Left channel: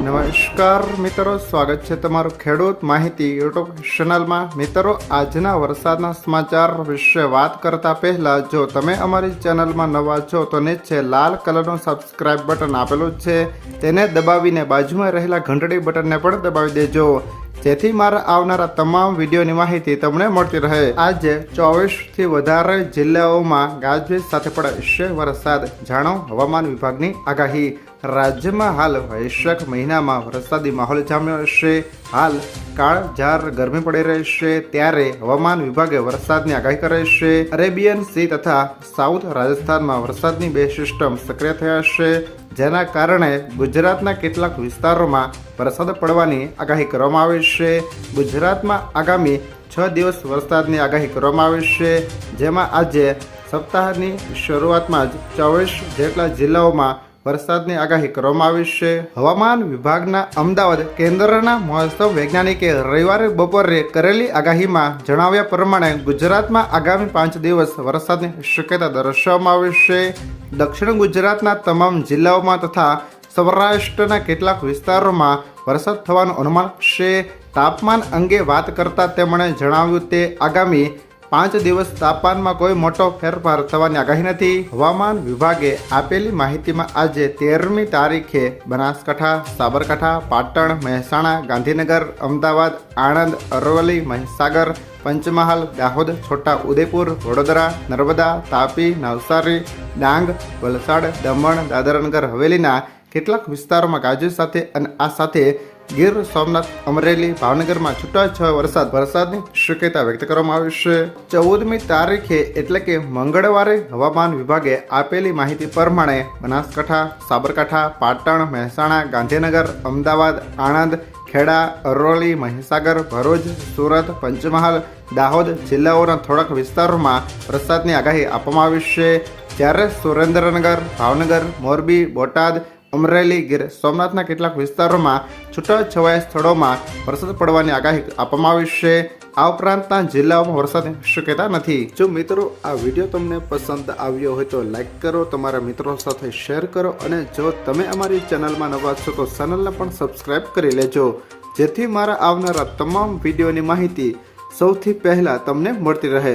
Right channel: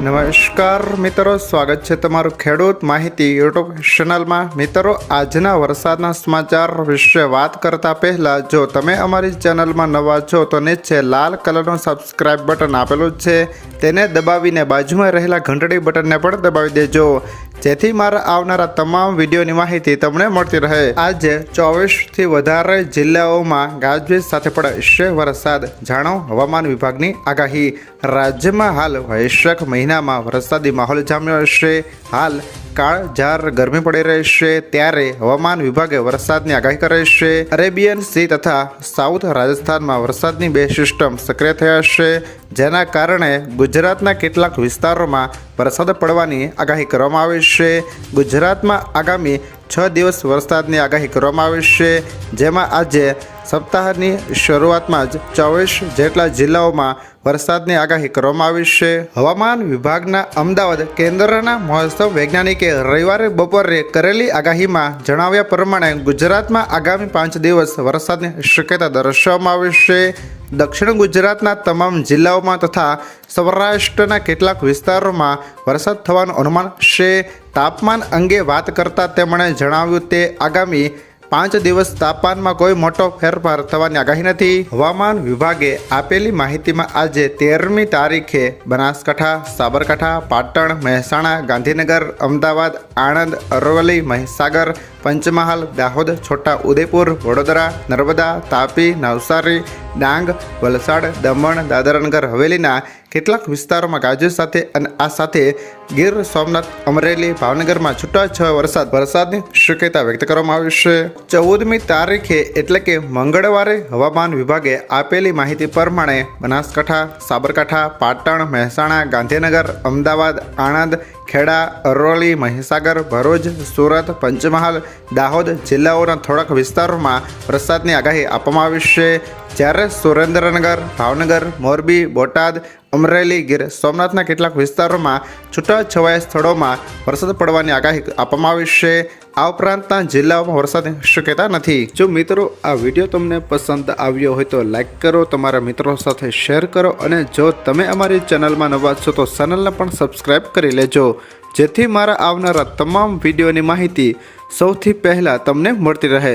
નમસ્કાર મિત્રો, સ્વાગત છે તમારું ખેડૂત માહિતી યુટ્યુબ ચેનલમાં. મિત્રો, આજના વરસાદના સમાચાર વિશે વાત કરતા પહેલા, જો તમે અમારી ચેનલમાં નવા છો, તો નીચે લાલ કલરનું સબસ્ક્રાઇબ બટન આપેલું છે. તેને દબાવીને બાજુમાં રહેલા ઘંટડી બટનને પણ દબાવી દેજો. જેથી મારા આવનારા તમામ વિડીયોની માહિતી તમને મળતી રહે. આજે ચોવીસથી વધારે જિલ્લાઓમાં ગાજવીજ સાથે પડશે વરસાદ. જાણો, હવામાન વિભાગની આગાહી. રાજ્યમાં હાલ વૈશાખ મહિનામાં વરસાદી માહોલ જામ્યો હશે. હાલ કાળઝાર ગરમી પડી રહેશે ત્યારે હવામાન વિભાગે વરસાદની આગાહી કરી છે. અરેબિયન સી તથા સાઉથ રાજસ્થાનમાં વરસાદની બે સિસ્ટમ સક્રિય થયા છે, જેના કારણે ગુજરાતના કેટલાક વિસ્તારોમાં વરસાદ પડવાની આગાહી કરવામાં આવી છે. ગુજરાતમાં આગામી છ દિવસ વરસાદની આગાહી કરવામાં આવી છે, જેમાં આજે સપ્તાહની શરૂઆતમાં જ ચોવીસ જેટલા જિલ્લાઓમાં વરસાદની આગાહી કરવામાં આવી છે. હવામાન વિભાગના અમદાવાદ કેન્દ્રના મહોત્સવ વૈજ્ઞાનિકે રવિવારે બપોરે કરેલી આગાહીમાં જણાવ્યા પ્રમાણે ગુજરાતમાં આગામી પાંચ દિવસ વરસાદની શક્યતા દર્શાવવામાં આવી છે. દક્ષિણ ગુજરાતના તમામ જિલ્લાઓમાં તથા સૌરાષ્ટ્રના કેટલાક વિસ્તારોમાં વરસાદ થવાનું અનુમાન છે. તાપમાન અંગે વાત કરતાં તેમણે જણાવ્યું તે આગામી પાંચ દિવસ તાપમાનમાં કોઈ મોટો ફેરફાર થવાની આગાહી નથી. હવામાન વિભાગે આપેલી માહિતીમાં આજે તેરમી તારીખે બનાસકાંઠા, સાબરકાંઠા, પાટણ, મહેસાણા, ગાંધીનગર, અમદાવાદ, આણંદ, અરવલ્લી, મહીસાગર, પંચમહાલ, દાહોદ, છોટા ઉદેપુર, વડોદરા, નર્મદા, તાપી, નવસારી, ડાંગ, વલસાડ, દમણ, દાદરાનગર, હવેલીના કેટલાક વિસ્તારોમાં ગાજર સાથે અને આ સાથે ગીર સોમનાથ અમરેલી, ભાવનગરમાં છૂટાછવાયો વરસાદ. વરસાદની શક્યતા વ્યક્ત કરવામાં આવી છે. ચૌદમી તારીખે એટલે કે મંગળવારે હવામાન વિભાગે આપેલી માહિતી પ્રમાણે બનાસકાંઠા, સાબરકાંઠા, પાટણ, મહેસાણા, ગાંધીનગર, અમદાવાદ, આણંદ, ખેડા, અરવલ્લી, મહીસાગર, ભરૂચ, સુરત, પંચમહાલ, દાહોદ જિલ્લાઓના થોડાક વિસ્તારોમાં વરસાદની આગાહી આપવામાં આવી છે. જ્યારે સુરેન્દ્રનગર, ભાવનગર, મોરબી, બોટાદ અમરેલી ગીર સોમનાથના કેટલાક વિસ્તારોમાં છૂટાછવાયા સ્થળોમાં વરસાદ પડવાની આગાહી આપવામાં આવી છે. આ ઉપરાંતના જિલ્લાઓમાં વરસાદની શક્યતા નથી. જો મિત્રો આ વીડિયો તમને પસંદ આવ્યો હોય તો લાઈક કરો, તમારા મિત્રો સાથે શેર કરો અને જો તમે અમારી ચેનલમાં નવા છો તો ચેનલને પણ સબસ્ક્રાઈબ કરી લેજો. જેથી મારા આવનારા તમામ વિડીયોની માહિતી સૌથી પહેલાં તમને મળતી રહે.